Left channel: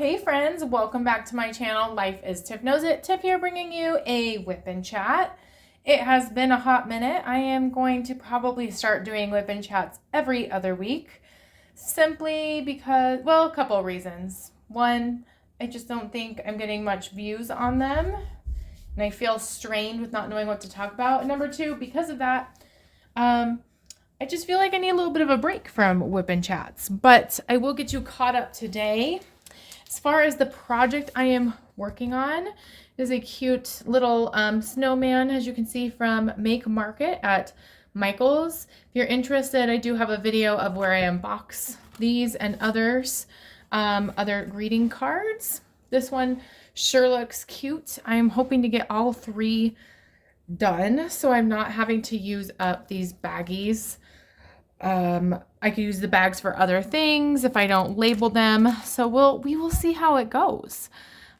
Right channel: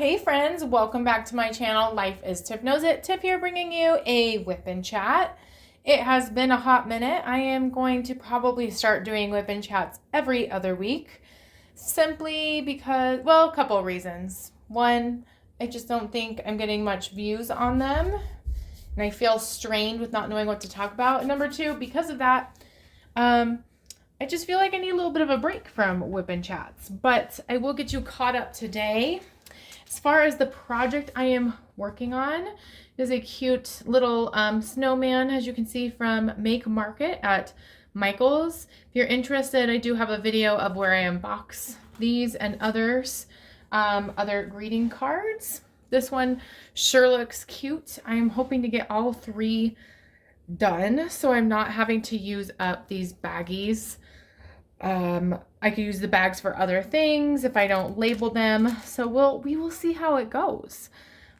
Hey friends, welcome back to my channel. Life is Tiff Knows It. Tiff here bringing you a whip and chat. It has been a hot minute. I am going to probably start doing whip and chats every other week simply because, well, a couple of reasons. One, I just don't think I'm getting much views on them and I feel strained with not knowing what to talk about. And number two, because of that, I just feel like I need a little bit of a break from whip and chats, but I will get you caught up today. As far as the project I am working on, is a cute little snowman, as you can see from Make Market at Michael's. If you're interested, I do have a video of where I unbox these and others, other greeting cards. This one sure looks cute. I'm hoping to get all three done, so I'm not having to use up these baggies. I could use the bags for other things if I don't label them. So we will see how it goes.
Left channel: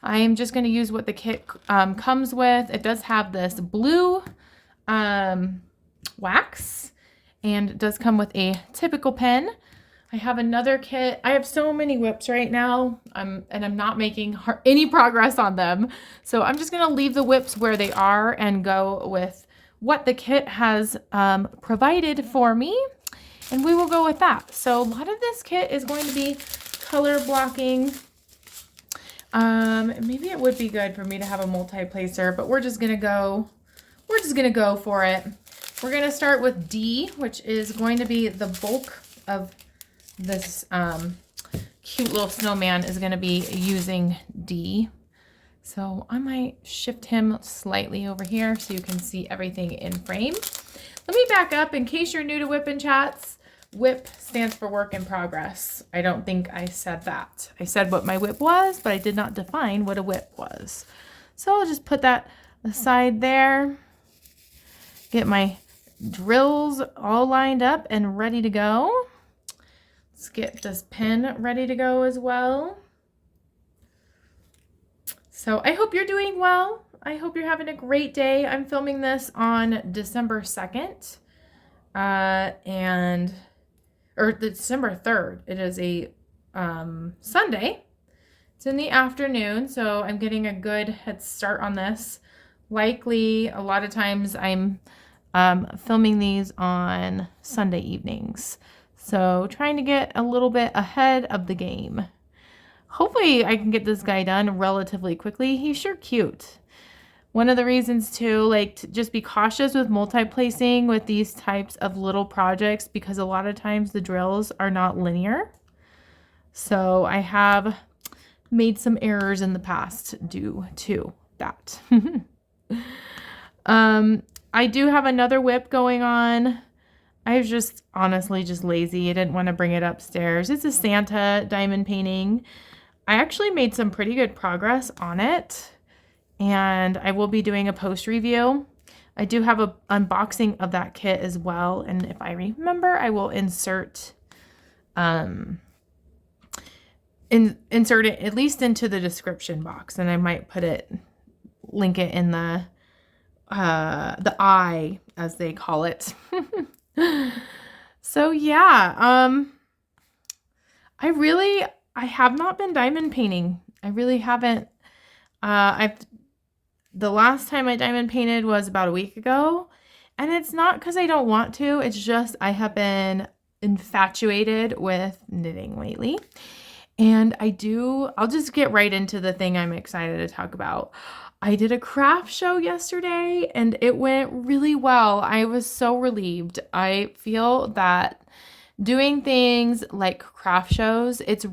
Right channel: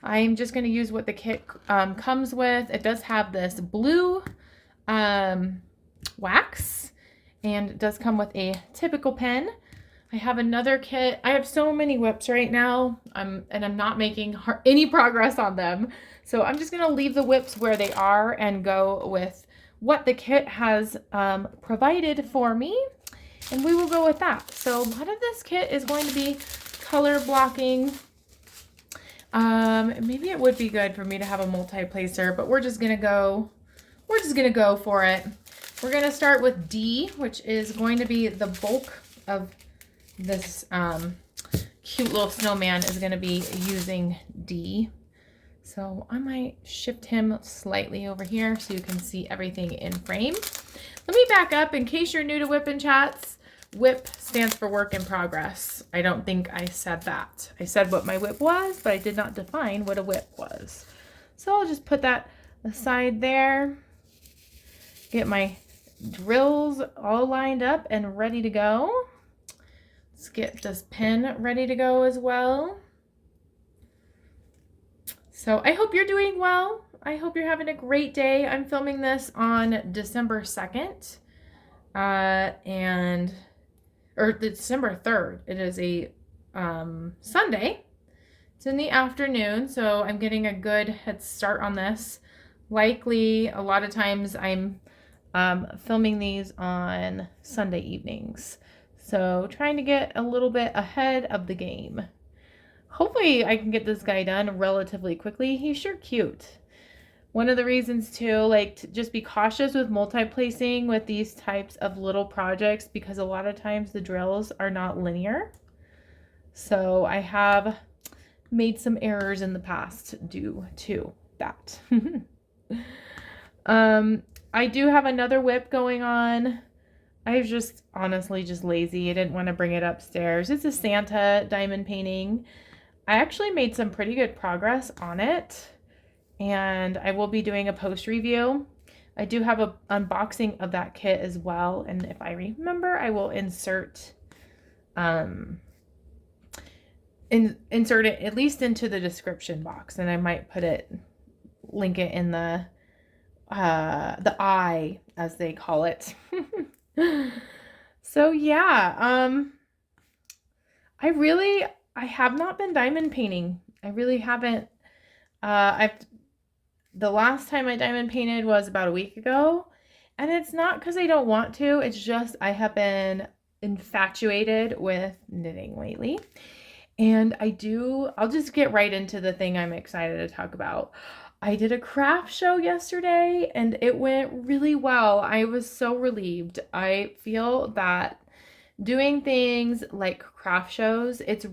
I'm just going to use what the kit comes with. It does have this blue wax, and it does come with a typical pen. I have another kit. I have so many whips right now, and I'm not making any progress on them. So I'm just going to leave the whips where they are and go with what the kit has provided for me. And we will go with that. So a lot of this kit is going to be color blocking. Maybe it would be good for me to have a multi-placer, but we're just gonna go for it. We're gonna start with D, which is going to be the bulk of this cute little snowman is gonna be using D. So I might shift him slightly over here so you can see everything in frame. Let me back up in case you're new to whip and chats. WIP stands for work in progress. I don't think I said that. I said what my WIP was, but I did not define what a WIP was. So I'll just put that aside there. Get my drills all lined up and ready to go. Let's get this pen ready to go as well. So I hope you're doing well. I hope you're having a great day. I'm filming this on December 2nd. Or December 3rd. It is a Sunday. It's in the afternoon, so I'm getting a good head start on this. Likely, a lot of times I'm filming these on Sunday evenings. So trying to get a little bit ahead of the game. Hopefully I can get this guy done relatively quickly. He's sure cute. One of the reasons too, like, to just be cautious with multi-placing with these types of little projects, because a lot of times the drills are not linear. So I have made some errors in the past due to that. I do have another whip going on. I was just honestly just lazy. I didn't want to bring it upstairs. It's a Santa diamond painting. I actually made some pretty good progress on it, and I will be doing a post review. I do have an unboxing of that kit as well, and if I remember, I will insert insert it at least into the description box, and I might link it in the eye, as they call it. So yeah, I have not been diamond painting. I really haven't. The last time I diamond painted was about a week ago, and it's not because I don't want to. It's just I have been infatuated with knitting lately, and I'll just get right into the thing I'm excited to talk about. I did a craft show yesterday, and it went really well. I was so relieved. I feel that doing things like craft shows, it's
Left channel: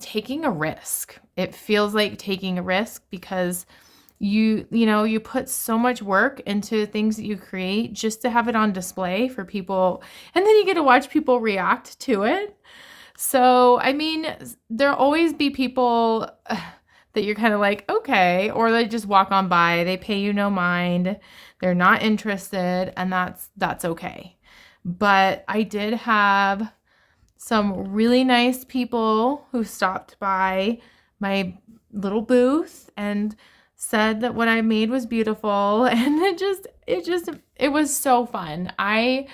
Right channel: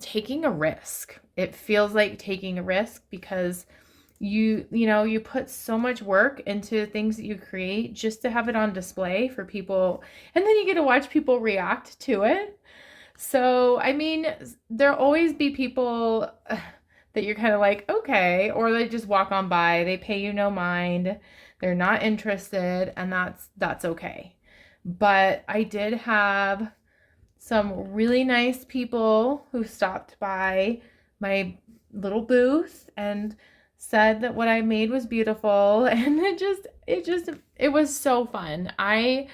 taking a risk. It feels like taking a risk because you put so much work into things that you create just to have it on display for people, and then you get to watch people react to it. So, I mean, there'll always be people that you're kind of like, okay, or they just walk on by, they pay you no mind, they're not interested, and that's okay. But I did have some really nice people who stopped by my little booth and said that what I made was beautiful, and it was so fun. I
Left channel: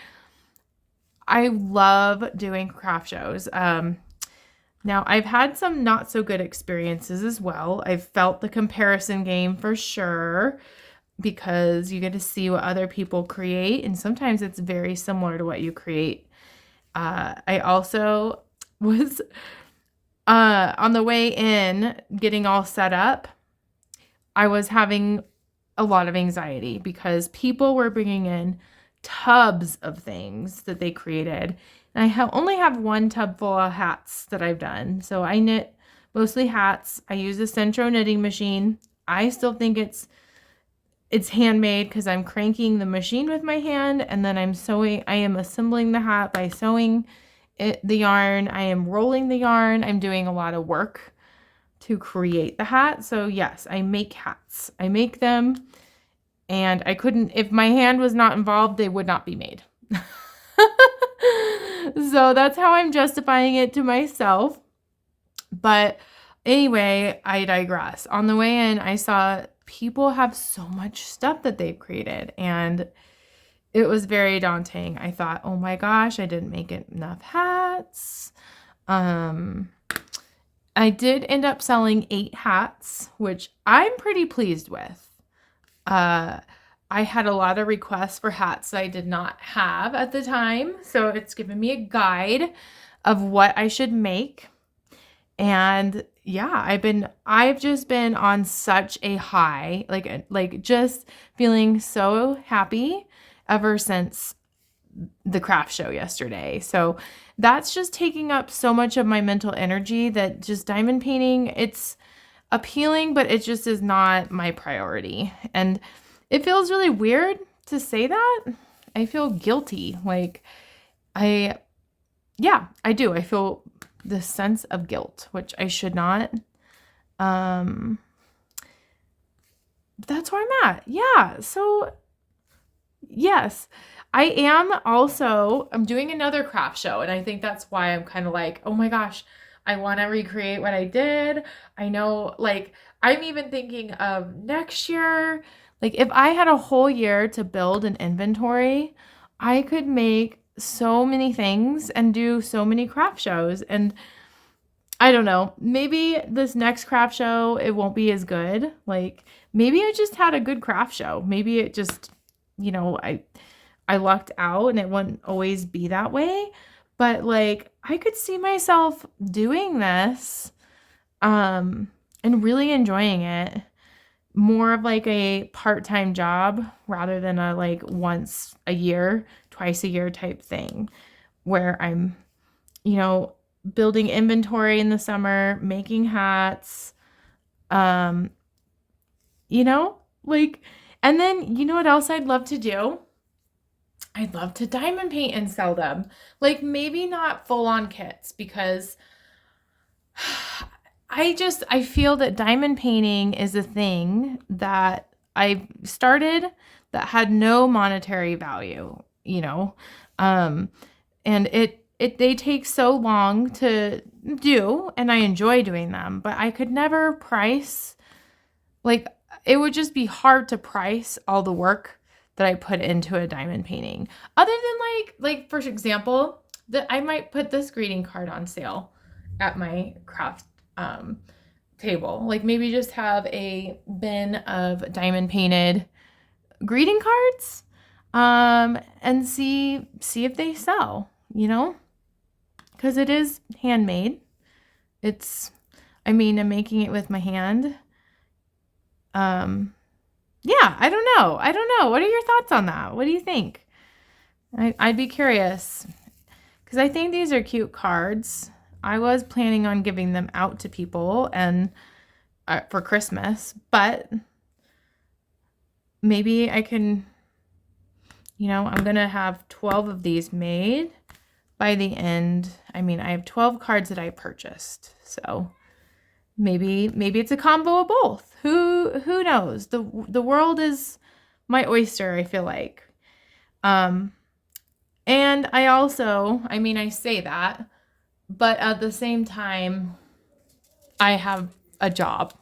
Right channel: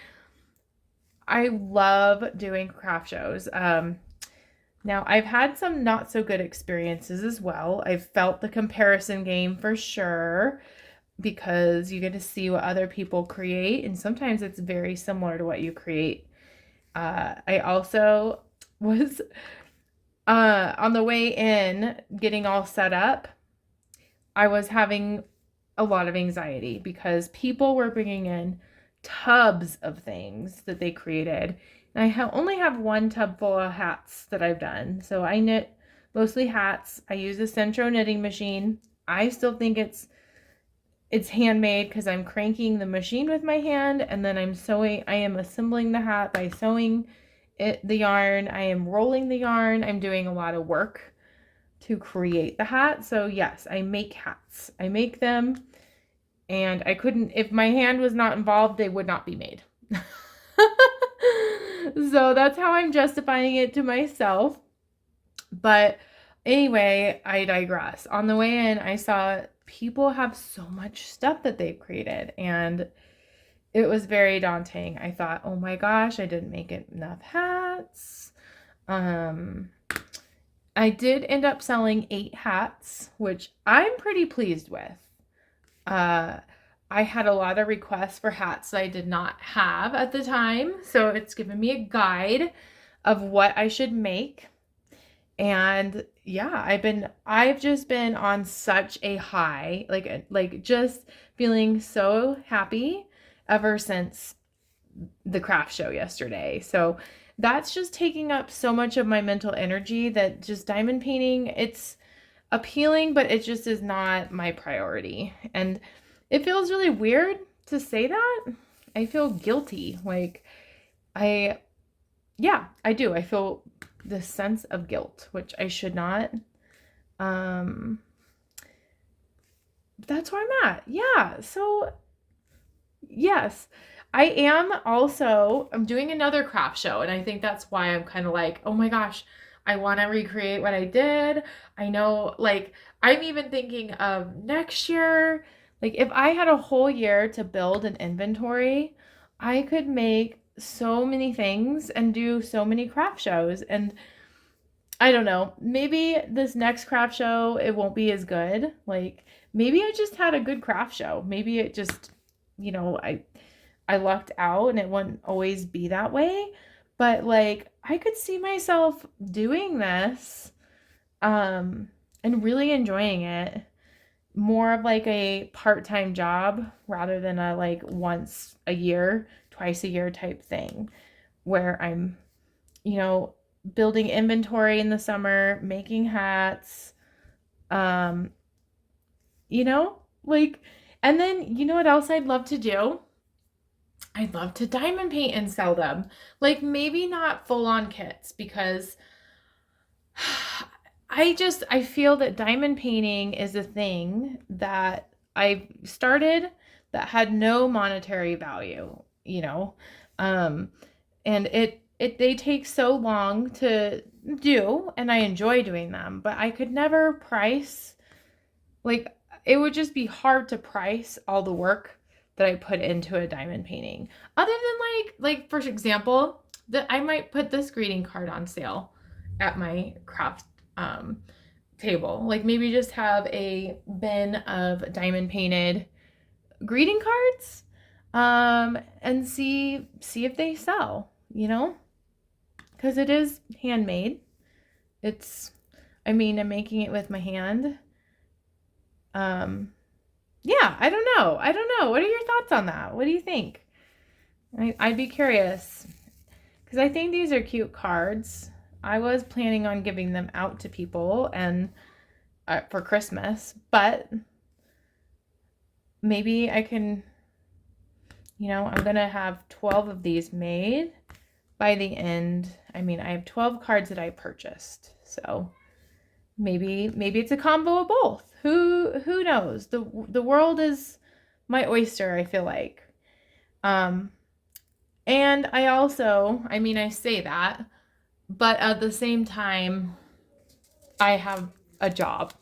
love doing craft shows. Now, I've had some not so good experiences as well. I've felt the comparison game for sure because you get to see what other people create, and sometimes it's very similar to what you create. I also was on the way in, getting all set up. I was having a lot of anxiety because people were bringing in tubs of things that they created. And I only have one tub full of hats that I've done. So I knit mostly hats. I use a Centro knitting machine. I still think it's handmade because I'm cranking the machine with my hand, and then I am assembling the hat by sewing the yarn. I am rolling the yarn. I'm doing a lot of work to create the hat. So yes, I make hats. I make them, and if my hand was not involved, they would not be made. So that's how I'm justifying it to myself. But anyway, I digress. On the way in, I saw people have so much stuff that they've created, and it was very daunting. I thought, oh my gosh, I didn't make enough hats. I did end up selling 8 hats, which I'm pretty pleased with. I had a lot of requests for hats that I did not have at the time, so it's given me a guide of what I should make. And yeah, I've just been on such a high, like just feeling so happy ever since the craft show yesterday. So that's just taking up so much of my mental energy that just diamond painting, it's appealing, but it just is not my priority. And it feels really weird to say that. I feel guilty. I do. I feel this sense of guilt, which I should not. That's where I'm at. Yeah. So yes, I'm doing another craft show, and I think that's why I'm kind of like, oh my gosh, I want to recreate what I did. I know, I'm even thinking of next year. Like, if I had a whole year to build an inventory, I could make so many things and do so many craft shows. And I don't know, maybe this next craft show, it won't be as good. Like, maybe I just had a good craft show. Maybe it just, I lucked out and it wouldn't always be that way. But I could see myself doing this, and really enjoying it. More of a part-time job rather than a once a year, twice a year type thing where I'm, building inventory in the summer, making hats, and then what else I'd love to do? I'd love to diamond paint and sell them. Maybe not full-on kits because I feel that diamond painting is a thing that I started that had no monetary value, and they take so long to do, and I enjoy doing them, but I could never price, it would just be hard to price all the work that I put into a diamond painting. Other than for example, that I might put this greeting card on sale at my craft table. Maybe just have a bin of diamond painted greeting cards, and see if they sell, because it is handmade. I'm making it with my hand. Yeah, I don't know. What are your thoughts on that? What do you think? I'd be curious because I think these are cute cards. I was planning on giving them out to people and for Christmas, but maybe I can, I'm going to have 12 of these made by the end. I have 12 cards that I purchased. So maybe it's a combo of both. Who knows? The world is my oyster, I feel like. And I also, I say that, but at the same time, I have a job.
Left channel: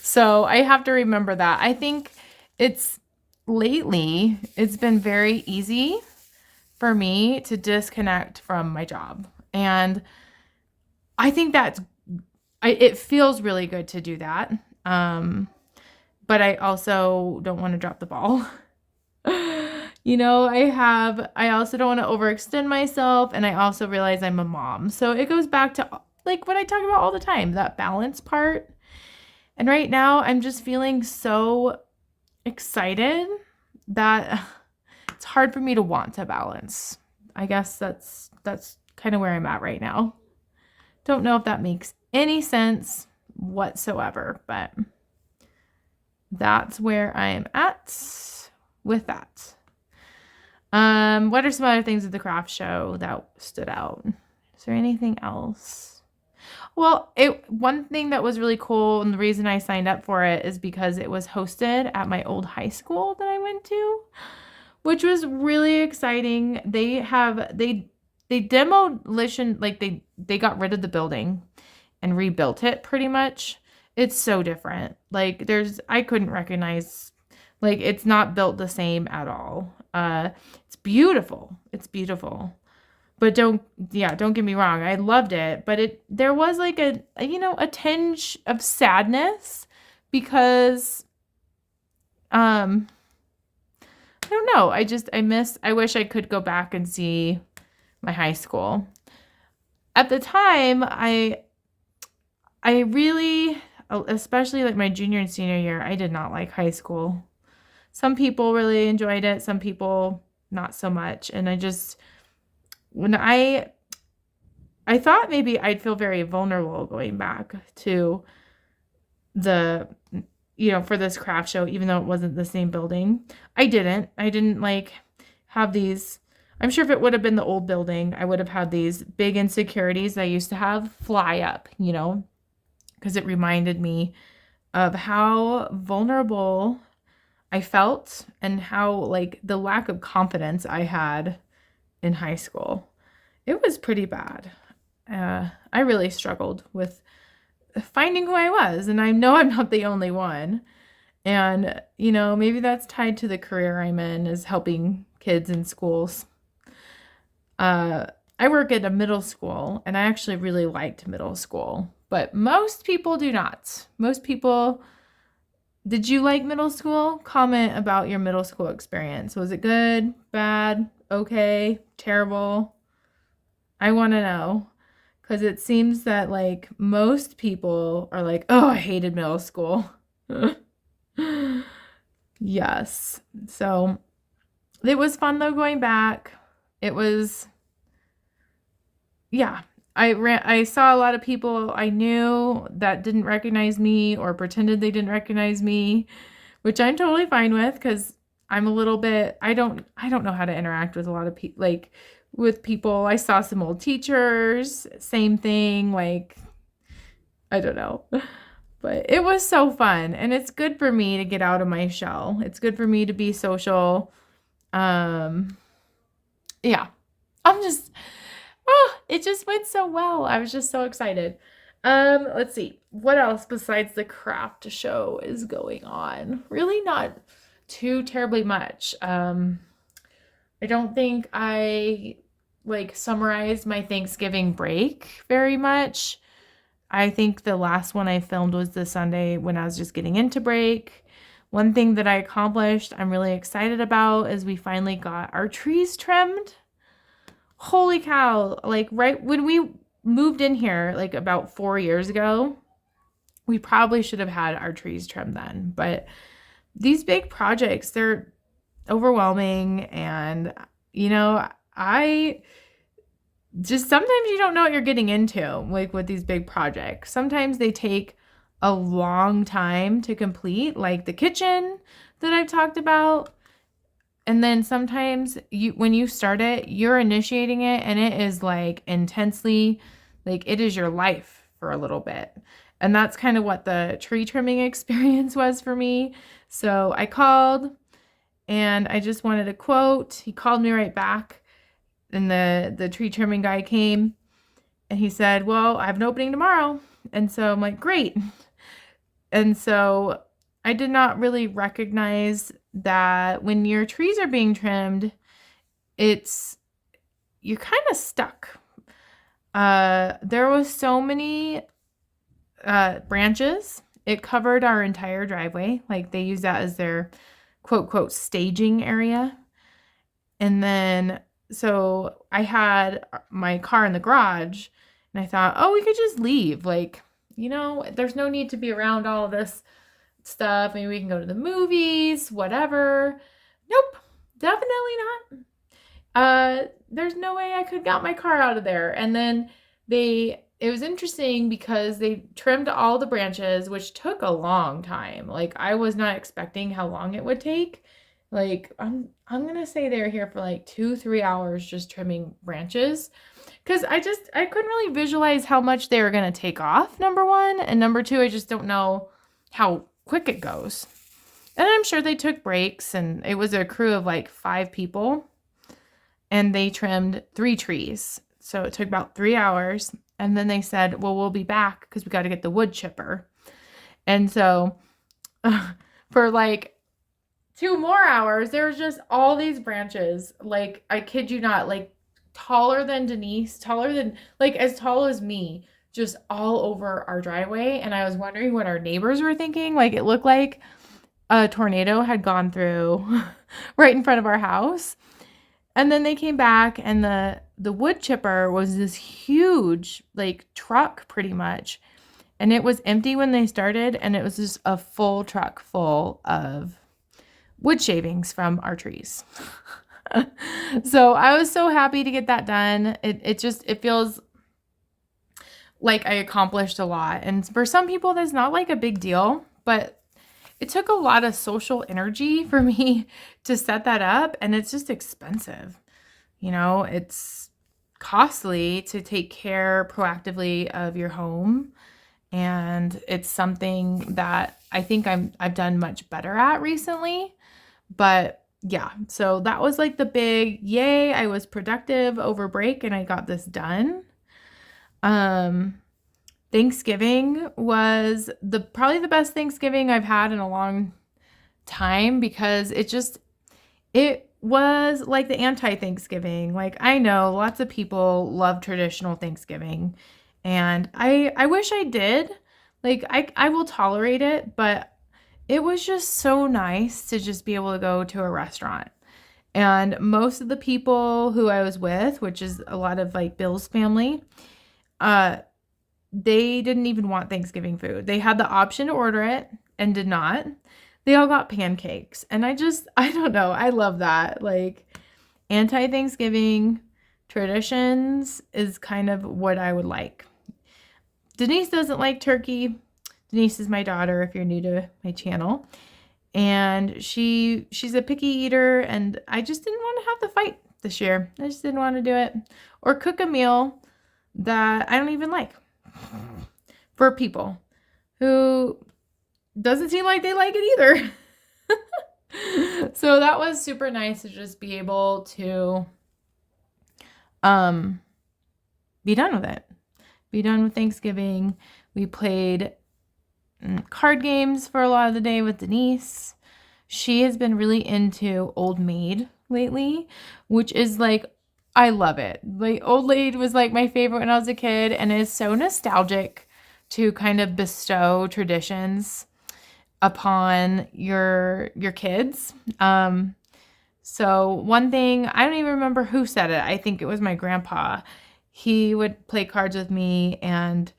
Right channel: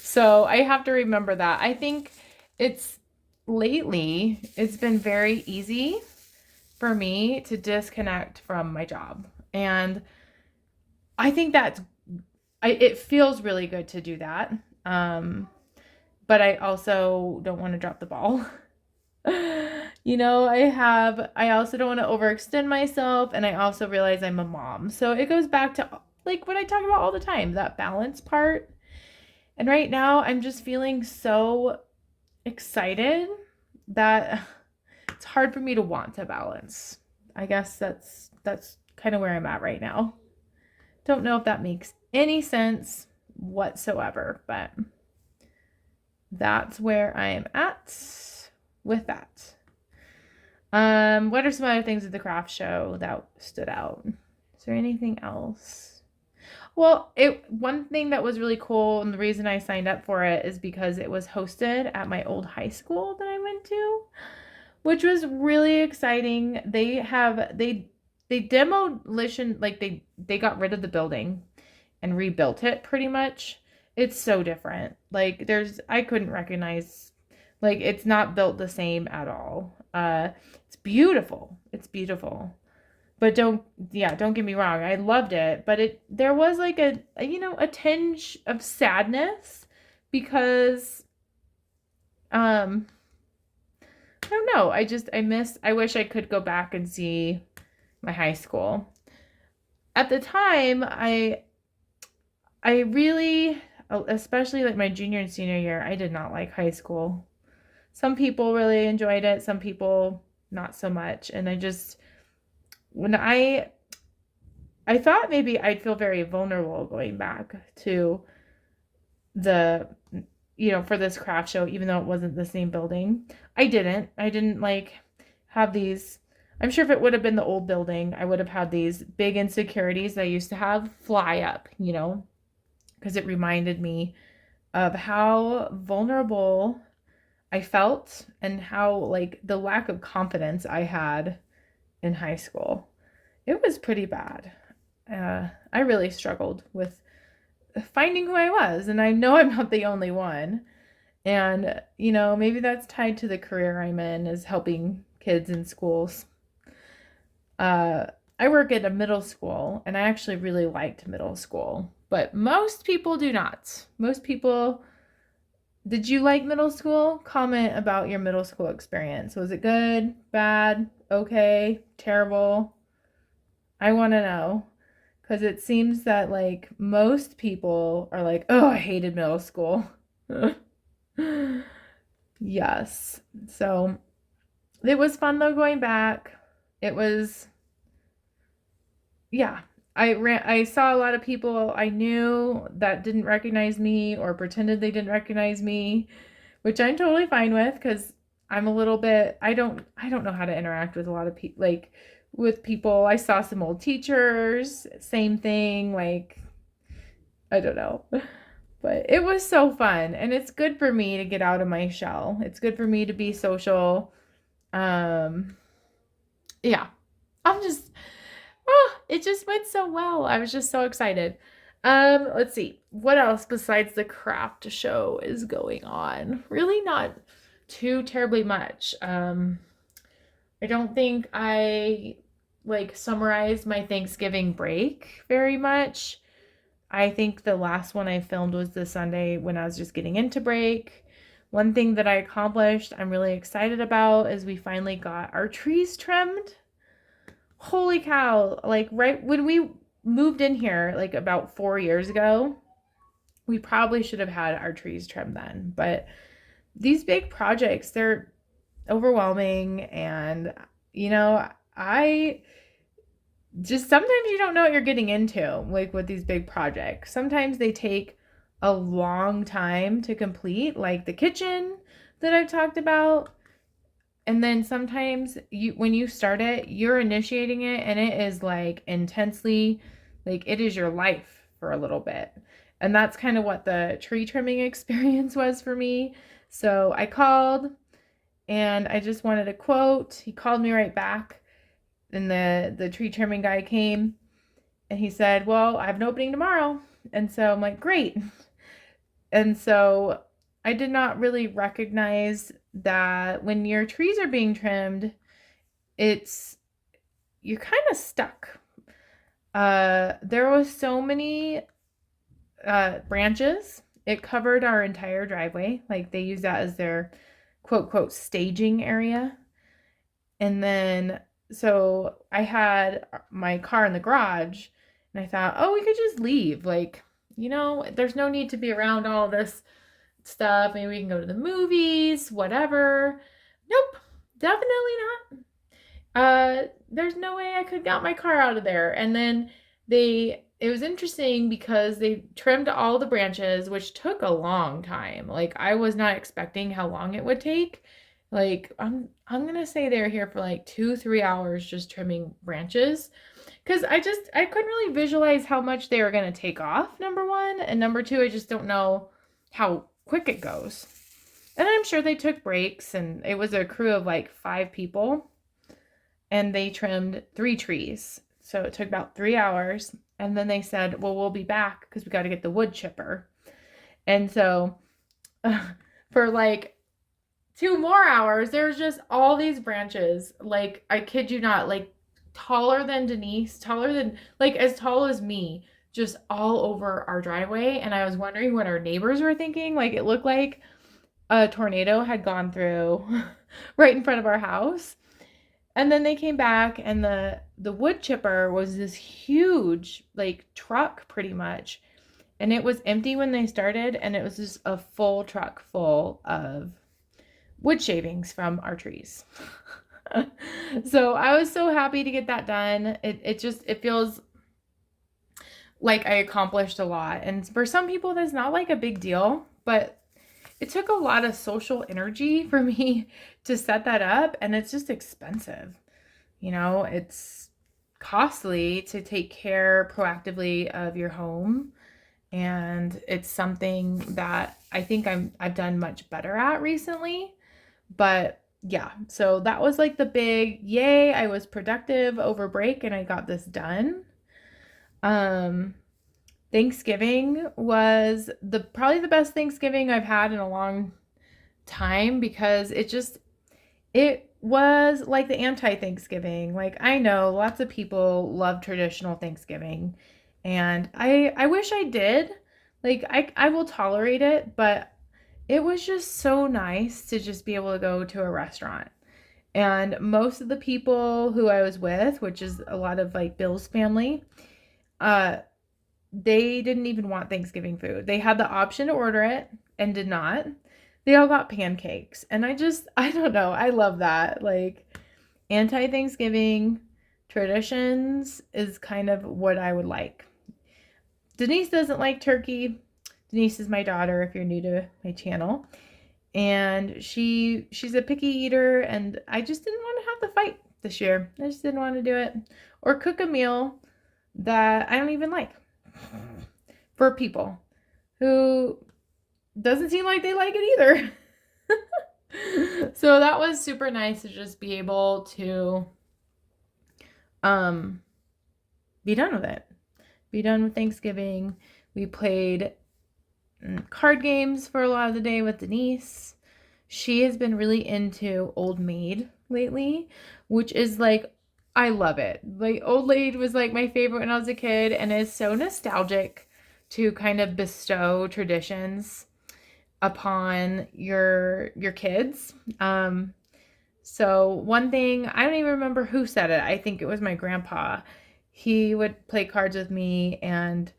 So I have to remember that. I think lately, it's been very easy for me to disconnect from my job. And I think it feels really good to do that. But I also don't want to drop the ball. I also don't want to overextend myself, and I also realize I'm a mom. So it goes back to like what I talk about all the time, that balance part. And right now I'm just feeling so excited that it's hard for me to want to balance. I guess that's kind of where I'm at right now. Don't know if that makes any sense whatsoever, but that's where I am at with that. What are some other things at the craft show that stood out? Is there anything else? Well, one thing that was really cool, and the reason I signed up for it is because it was hosted at my old high school that I went to, which was really exciting. They demolition, like they got rid of the building and rebuilt it pretty much. It's so different. Like I couldn't recognize, like it's not built the same at all. It's beautiful. It's beautiful. But don't get me wrong. I loved it, but there was like a tinge of sadness because I don't know. I wish I could go back and see my high school. At the time, I really, especially like my junior and senior year, I did not like high school. Some people really enjoyed it, some people not so much. And when I thought maybe I'd feel very vulnerable going back to for this craft show, even though it wasn't the same building. I didn't like have these. I'm sure if it would have been the old building, I would have had these big insecurities I used to have fly up, because it reminded me of how vulnerable I felt and how like the lack of confidence I had in high school. It was pretty bad. I really struggled with finding who I was, and I know I'm not the only one. And, maybe that's tied to the career I'm in, is helping kids in schools. I work at a middle school, and I actually really liked middle school, but most people do not. Did you like middle school? Comment about your middle school experience. Was it good, bad, okay, terrible? I want to know, because it seems that like most people are like, oh, I hated middle school. Yes. So it was fun though going back. It was, yeah. I saw a lot of people I knew that didn't recognize me or pretended they didn't recognize me, which I'm totally fine with because I'm a little bit, I don't know how to interact with a lot of people, like with people. I saw some old teachers, same thing, like, I don't know. But it was so fun, and it's good for me to get out of my shell. It's good for me to be social. Yeah. It just went so well. I was just so excited. Let's see. What else besides the craft show is going on? Really not too terribly much. I don't think I like summarized my Thanksgiving break very much. I think the last one I filmed was the Sunday when I was just getting into break. One thing that I accomplished, I'm really excited about, is we finally got our trees trimmed. Holy cow. Like right when we moved in here, like about 4 years ago, we probably should have had our trees trimmed then. But these big projects, they're overwhelming. And, I just sometimes you don't know what you're getting into, like with these big projects. Sometimes they take a long time to complete, like the kitchen that I've talked about. And then sometimes when you start it, you're initiating it and it is like intensely, like it is your life for a little bit. And that's kind of what the tree trimming experience was for me. So I called and I just wanted a quote. He called me right back. And the tree trimming guy came and he said, well, I have an opening tomorrow. And so I'm like, great. And so I did not really recognize that when your trees are being trimmed, you're kind of stuck. There was so many branches. It covered our entire driveway. Like they use that as their quote, quote, staging area. And then, so I had my car in the garage and I thought, oh, we could just leave. Like, there's no need to be around all this stuff. Maybe we can go to the movies, whatever. Nope, definitely not. There's no way I could got my car out of there. And then it was interesting because they trimmed all the branches, which took a long time. Like I was not expecting how long it would take. Like I'm gonna say they were here for like 2-3 hours just trimming branches. Cause I couldn't really visualize how much they were gonna take off, number one. And number two, I just don't know how quick it goes. And I'm sure they took breaks and it was a crew of like 5 people and they trimmed 3 trees. So it took about 3 hours. And then they said, well, we'll be back because we got to get the wood chipper. And so for like 2 more hours, there was just all these branches. Like, I kid you not, like taller than Denise, taller than, like as tall as me, just all over our driveway. And I was wondering what our neighbors were thinking. Like it looked like a tornado had gone through right in front of our house. And then they came back and the wood chipper was this huge like truck pretty much. And it was empty when they started and it was just a full truck full of wood shavings from our trees. So I was so happy to get that done. It feels like I accomplished a lot. And for some people that's not like a big deal, but it took a lot of social energy for me to set that up, and it's just expensive. It's costly to take care proactively of your home, and it's something that I think I've done much better at recently. But yeah, so that was like the big yay, I was productive over break and I got this done. Thanksgiving was probably the best Thanksgiving I've had in a long time because it was like the anti-Thanksgiving. Like I know lots of people love traditional Thanksgiving and I wish I did. Like I will tolerate it, but it was just so nice to just be able to go to a restaurant. And most of the people who I was with, which is a lot of like Bill's family, they didn't even want Thanksgiving food. They had the option to order it and did not. They all got pancakes. And I don't know. I love that. Like anti-Thanksgiving traditions is kind of what I would like. Denise doesn't like turkey. Denise is my daughter if you're new to my channel. And she's a picky eater and I just didn't want to have the fight this year. I just didn't want to do it or cook a meal that I don't even like for people who doesn't seem like they like it either. So that was super nice to just be able to be done with it. Be done with Thanksgiving. We played card games for a lot of the day with Denise. She has been really into Old Maid lately, which is like, I love it. Like Old Maid was like my favorite when I was a kid and is so nostalgic to kind of bestow traditions upon your kids. So one thing, I don't even remember who said it. I think it was my grandpa. He would play cards with me and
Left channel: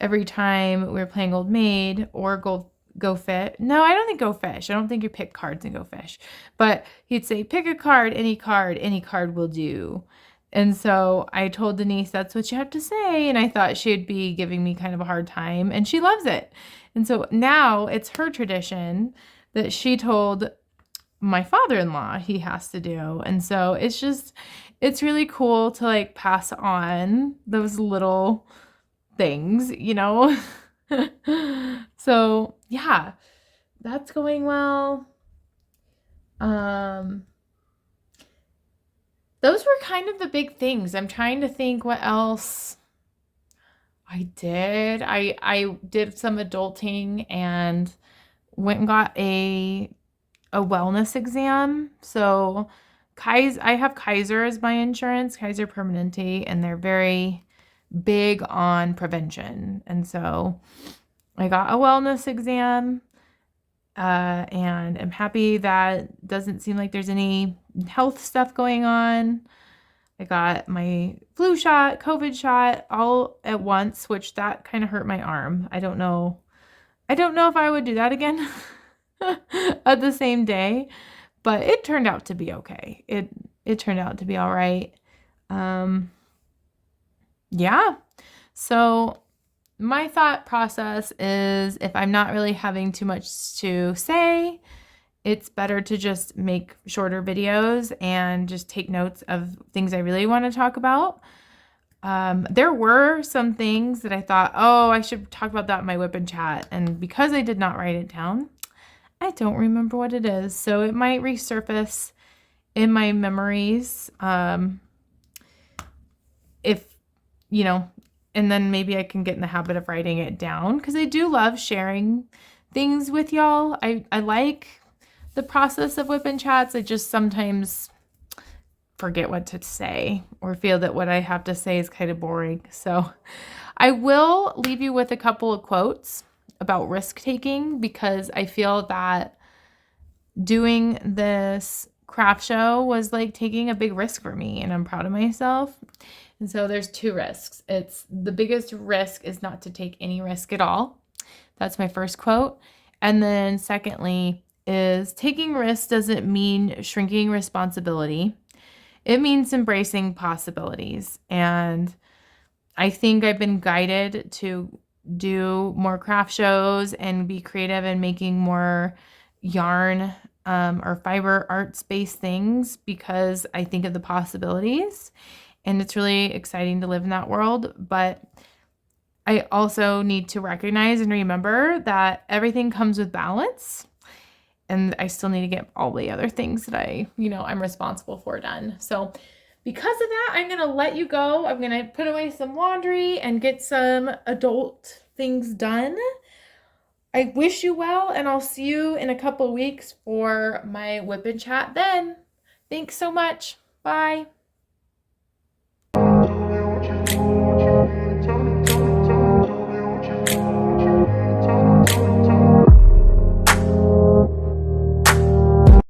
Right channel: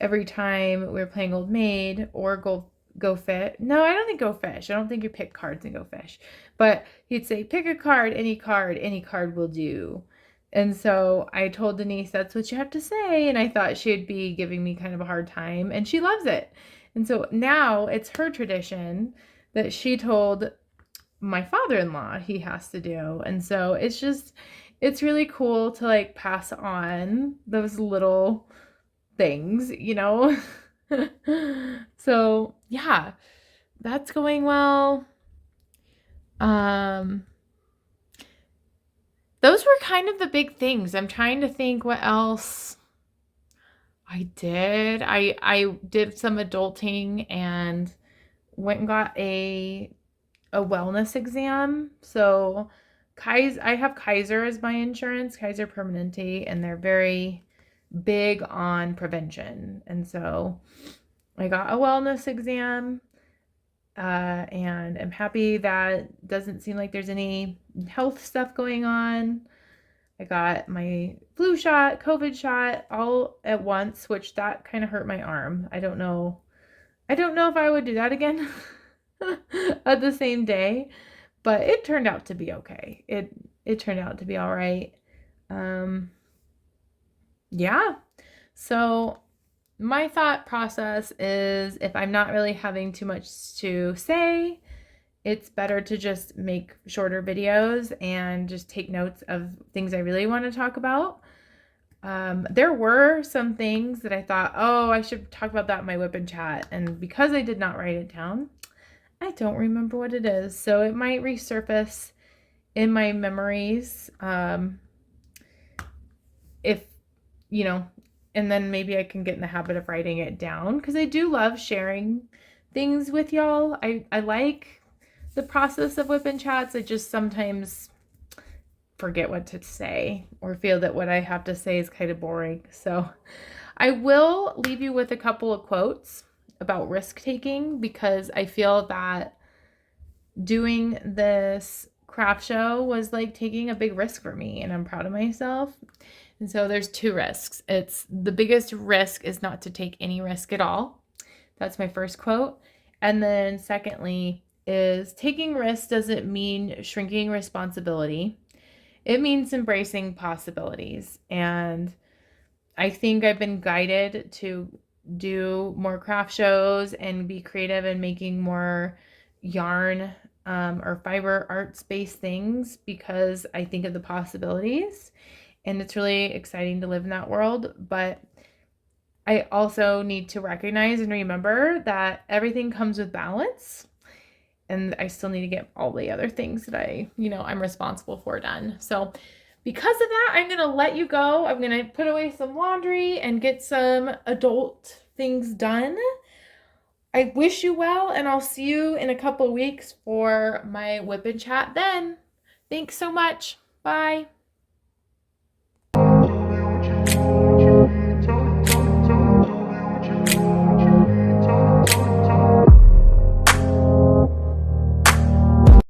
every time we were playing Old Maid or Go Fish. No, I don't think Go Fish. I don't think you pick cards and Go Fish. But he'd say, pick a card, any card will do. And so I told Denise, that's what you have to say. And I thought she'd be giving me kind of a hard time. And she loves it. And so now it's her tradition that she told my father-in-law he has to do. And so it's really cool to like pass on those little things, So yeah, that's going well. Those were kind of the big things. I'm trying to think what else I did. I did some adulting and went and got a wellness exam. So I have Kaiser as my insurance, Kaiser Permanente, and they're very big on prevention. And so I got a wellness exam, and I'm happy that doesn't seem like there's any health stuff going on. I got my flu shot, COVID shot all at once, which that kind of hurt my arm. I don't know. I don't know if I would do that again at the same day, but it turned out to be okay. It turned out to be all right. Yeah. So my thought process is if I'm not really having too much to say, it's better to just make shorter videos and just take notes of things I really want to talk about. There were some things that I thought, oh, I should talk about that in my WIP and chat. And because I did not write it down, I don't remember what it is. So it might resurface in my memories. If, you know, and then maybe I can get in the habit of writing it down because I do love sharing things with y'all. I like the process of WIP and chats. I just sometimes forget what to say or feel that what I have to say is kind of boring. So I will leave you with a couple of quotes about risk taking because I feel that doing this craft show was like taking a big risk for me and I'm proud of myself. And so there's two risks. It's the biggest risk is not to take any risk at all. That's my first quote. And then secondly is taking risks doesn't mean shrinking responsibility. It means embracing possibilities. And I think I've been guided to do more craft shows and be creative in making more yarn or fiber arts-based things because I think of the possibilities. And it's really exciting to live in that world. But I also need to recognize and remember that everything comes with balance. And I still need to get all the other things that I'm responsible for done. So because of that, I'm going to let you go. I'm going to put away some laundry and get some adult things done. I wish you well, and I'll see you in a couple weeks for my WIP and chat then. Thanks so much. Bye.